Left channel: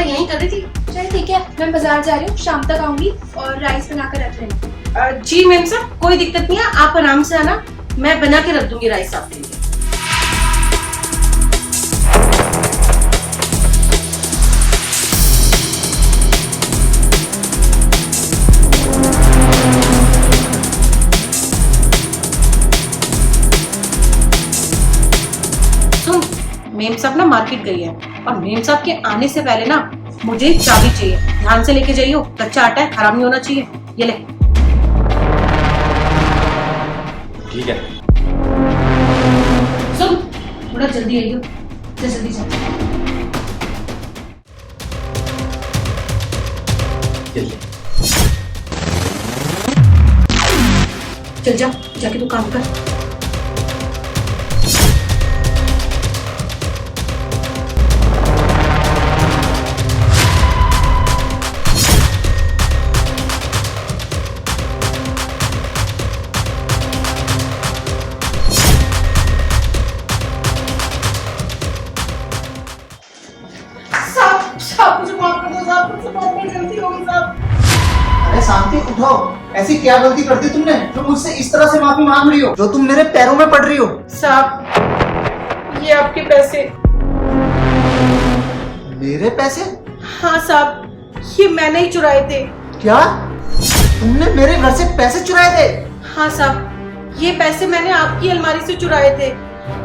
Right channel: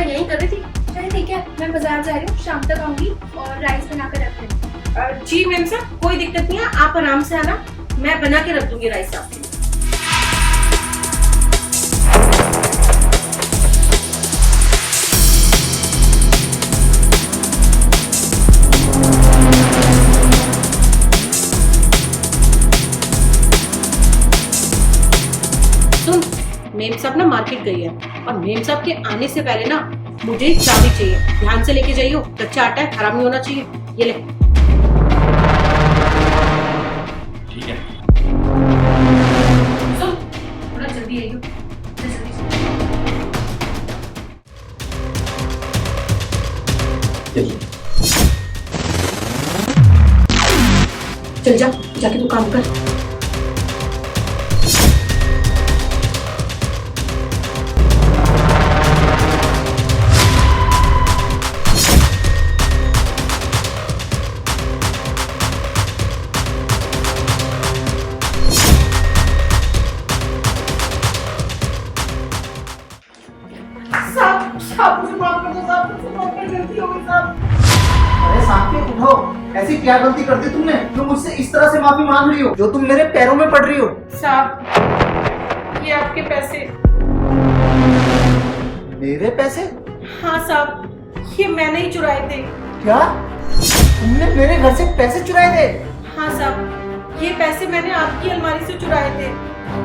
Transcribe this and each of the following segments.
सुबह यही कर रही थी। चलिए ठीक है, मैं बाजार जा रही हूँ, शाम तक आऊंगी और राइस बना कर रख लेना। जी मैम साहब, कोई दिक्कत नहीं है, आप आराम से आना, मैं बना के रख दूंगी राइस आपके लिए। मेम साहब ना मार्केट गई है और मेम साहब के आने से पहले ना मुझे चाबी चाहिए, ध्यान से लेके जाइयो, कच्चा आटा है, खराब नहीं होना चाहिए। ये ले। ठीक है। सुन, थोड़ा जल्दी आइयो, जल्दी जल्दी। चल जा, जाके तू काम कर। अरे शांति उठो, ऐसी क्या गलती कर दी तुमने जो मुझसे इस तरह से माफी मांग रही हो, जो तुम मेरे पैरों में पड़ रही हो? साहब, ये आपके पैसे। मेरे पैसे? हाँ साहब, ये मैंने ही चुराए थे। क्या तुमने मेरे घर से पैसे चुराए थे? हाँ साहब, ये पैसे मैंने आपकी अलमारी से चुराए थे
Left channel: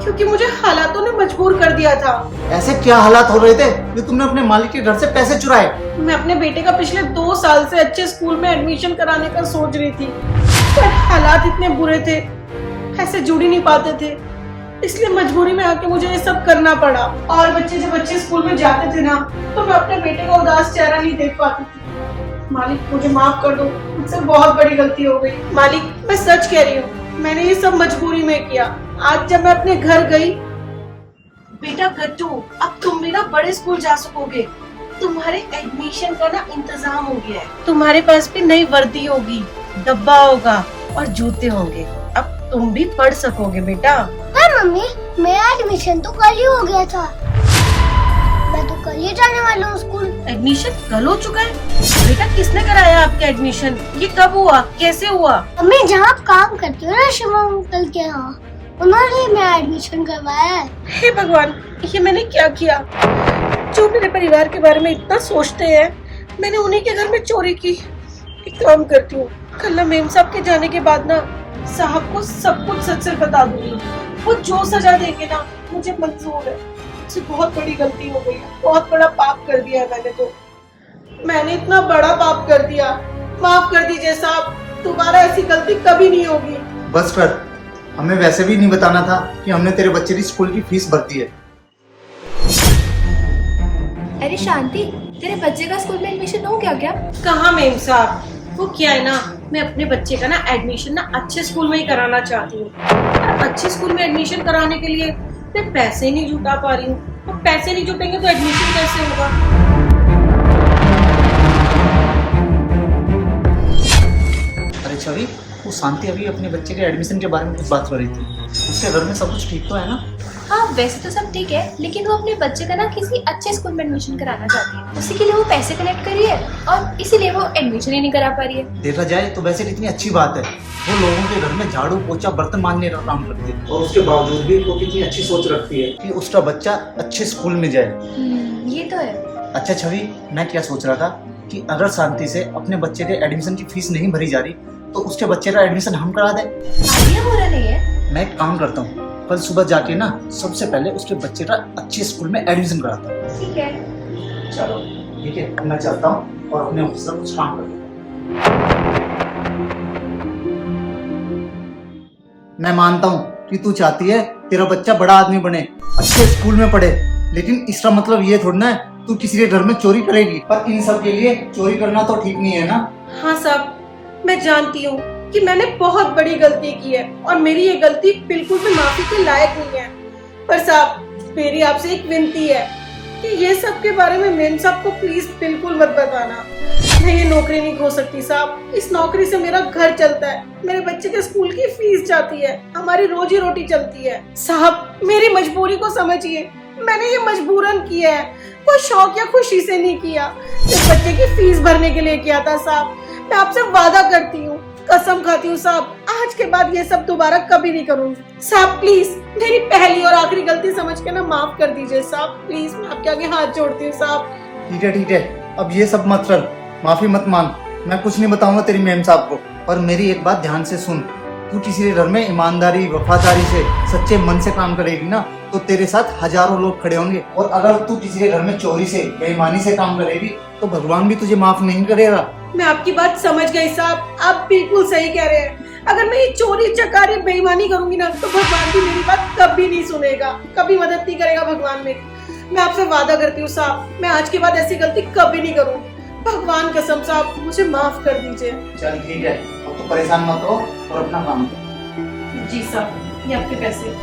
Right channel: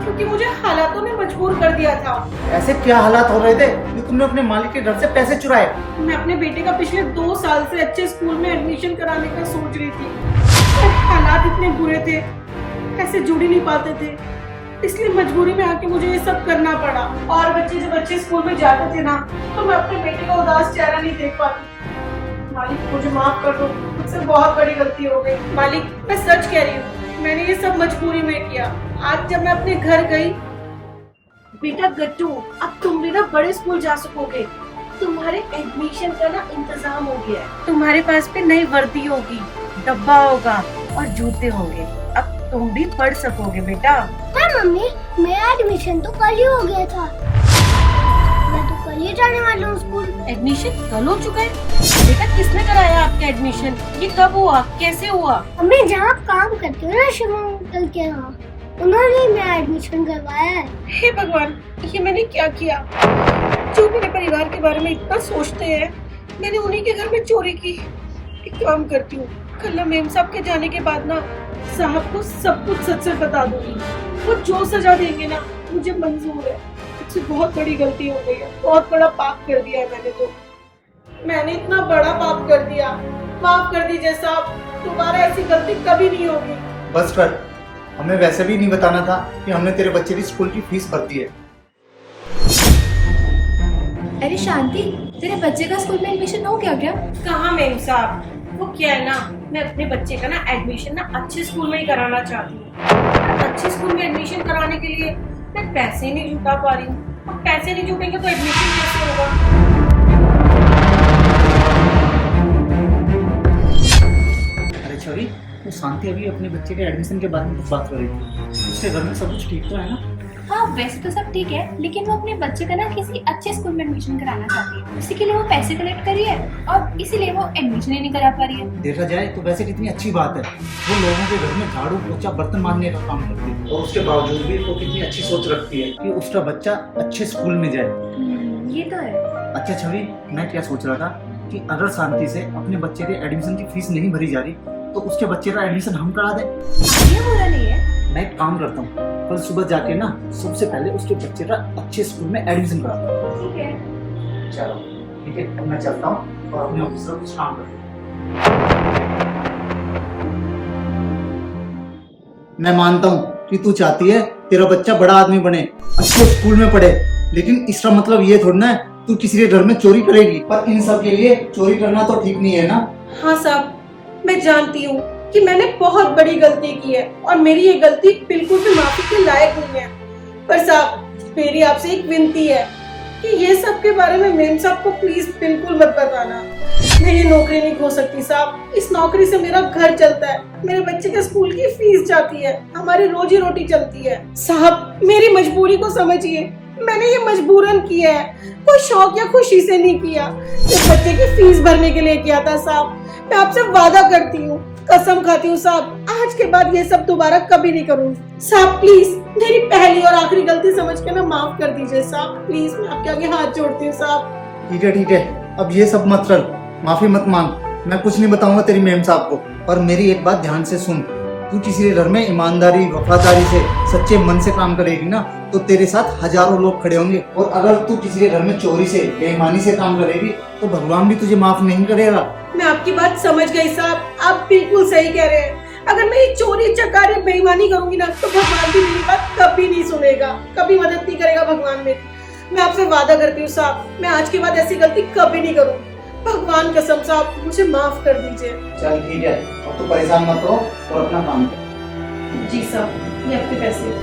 क्योंकि मुझे हालातों ने मजबूर कर दिया था। ऐसे क्या हालात हो रहे थे कि तुमने अपने मालिक के घर से पैसे चुराए? मैं अपने बेटे का पिछले 2 साल से अच्छे स्कूल में एडमिशन कराने का सोच रही थी, पर हालात इतने बुरे थे, ऐसे जुड़ ही नहीं पाते थे, इसलिए मजबूरी में आके मुझे ये सब करना पड़ा। और बच्चे जब अच्छे स्कूल में जाते थे ना, तो मैं अपने बेटे का उदास चेहरा नहीं देख पाती थी। मालिक मुझे माफ कर दो, मुझसे बहुत बड़ी गलती हो गई। मालिक, मैं सच कह रही हूँ, मैंने ये सब मजबूरी में किया। आज जब मैं अपने घर गई, बेटा गट्टू, अब तुम भी ना बड़े स्कूल जा सकोगे, तुम्हारे एडमिशन का ना इंतजाम हो गया है, तुम्हारे पास भी नई वर्दी होगी, डब्बा होगा और जूते होंगे, अब तुम भी पढ़ सकोगे बेटा। पर मम्मी, मेरा एडमिशन तो कल ही हो गया था, मैं तो कल ही जाने वाला हूँ स्कूल। एडमिशन कल हो चुका है? बेटा किसने कराया आपका एडमिशन? ये कब हुआ, कैसे हुआ? मम्मी, जहाँ आप काम करती हो ना शिवा अंकल के यहाँ, उन्होंने ही मेरा एडमिशन करवाया है। हे भगवान, ये मैंने क्या किया? जो मेरे परिवार के बारे में इतना सोचते हैं, मैंने उन्हीं के घर में चोरी की। एक काम करती हूँ, कल ना मेम साहब के जाने के बाद ना साहब को सब कुछ सच से बता दूंगी, वो जो सजा देंगे ना मुझे मंजूर है। मुझसे बहुत बड़ी गलती हो गई है, बहुत बड़ा पाप कर दिया है मैंने, तो मैंने इतना बड़ा पाप कर दिया, माफ कर दीजिए साहब, दोबारा ऐसी गलती कभी नहीं होगी। बस कर, हमें वैसे भी नहीं बताना था कि हमने तेरे बच्चे की स्कूल की फीस भर दी है। अरे शांति, तेरे बच्चे का स्कूल में एडमिशन हो गया क्या? कहाँ मेम साहब, वो क्या है ना, मैं अपने बच्चे का ना एडमिशन ना अच्छे स्कूल में ही कराना चाहती हूँ। अच्छे स्कूल में एडमिशन कराने के लिए मैं पैसे नहीं जुटा पा रही हूँ, और पैसे नहीं जुटेंगे तो एडमिशन कैसे होगा? अरे छवि, वो शांति अभी अपने बच्चे के एडमिशन के बारे में कुछ बात कर रही थी, उसके घर में सब कुछ ठीक तो है ना? हाँ, वैसे तो सब ठीक है, लेकिन वो अपने बच्चे का ना किसी अच्छे स्कूल में एडमिशन कराना चाहती है। उसी के लिए वो पैसे कलेक्ट करी है और इसीलिए वो एडमिशन ही नहीं करा पा रही है। देखा जाए तो वैसे कितनी अच्छी बात है, वो लोगों के घर में झाड़ू पोछा बर्तन मांजने का काम करती है, और उसके बावजूद भी वो कितनी अच्छी सोच रखती है कि उसका बच्चा अच्छे स्कूल में जाए। ये तो है। अच्छा छवि, मैं क्या सोच रहा था कि अगर शांति से अपने बच्चे के एडमिशन की फीस नहीं भरी जा रही तो उसके बच्चे का एडमिशन हम करा दें। ये बुरा नहीं है। मैं एक काम करता हूँ, कल सुबह जाके ना सबसे पहले उसके बच्चे का अच्छे स्कूल में एडमिशन कराता हूँ। ठीक है। चलो ठीक है, मैं चलता हूँ और अपने ऑफिस का कुछ काम करता हूँ। मैं मानता हूँ कि तू चाहती है तेरा बच्चा बड़ा आदमी बने, अच्छे स्कूल में पढ़े, लेकिन इसका मतलब ये थोड़ा ना है तू किसी के घर में चोरी करेगी। पर इन सब के लिए चोरी करना तो ठीक नहीं है ना? हाँ साहब, मैं जानती हूँ कि मैंने बहुत बड़ी गलती की है और मेरी ये गलती बिल्कुल भी माफी के लायक नहीं है, पर साहब मेरी आपसे एक विनती है कि ये सब के बारे में मेम साहब को प्लीज बिल्कुल मत बताना। मैं ये नौकरी नहीं खो सकती साहब, इस नौकरी से मेरा घर चलता है, मेरे बच्चे के स्कूल की फीस जाती है, हमारी रोजी रोटी चलती है। साहब मेरी मजबूरी को समझिए, मैंने ये मजबूरन किया है, कोई शौक या खुशी से नहीं किया। इस बच्चे की फीस भरने के लिए किया था साहब। मैं आपसे वादा करती हूँ, कसम खाती हूँ साहब, आज के बाद ये सब दोबारा कभी नहीं करूँगी। साहब प्लीज मेरी पहली और आखिरी गलती समझ के ना माफ कर दीजिए साहब, प्लीज मैं आपके आगे हाथ जोड़ती हूँ साहब। ठीक है, अब ये सब मत कर, माफी मत मांग। मैं कुछ नहीं बताऊंगा तेरी मैम साहब को। पर मेरी एक बात ध्यान से सुन, तू किसी घर में ईमानदारी वफादारी से सच्चे मन से काम करेगी ना तो तेरे साथ हजारों लोग खड़े होंगे। और अगर तू किसी के घर में चोरी से बेईमानी से काम करेगी तो भगवान भी तुझे माफ नहीं करेगा। मैं आपकी बात समझ गई साहब, आप बिल्कुल सही कह रहे हैं। अगर मैं ये चोरी चकारी बेईमानी करूंगी ना तो भगवान भी मेरी बात कभी नहीं सुनेगा, कभी मदद नहीं करेगा भगवान मेरी। मैं आपसे वादा करती हूँ साहब, मैं आज के बाद ऐसी गलती कभी नहीं करूँ। भगवान कसम साहब मुझे माफ कर दीजिए। चल ठीक है, अब तो परेशान मत हो और अपना काम कर। जी साहब, ये आपके पैसे।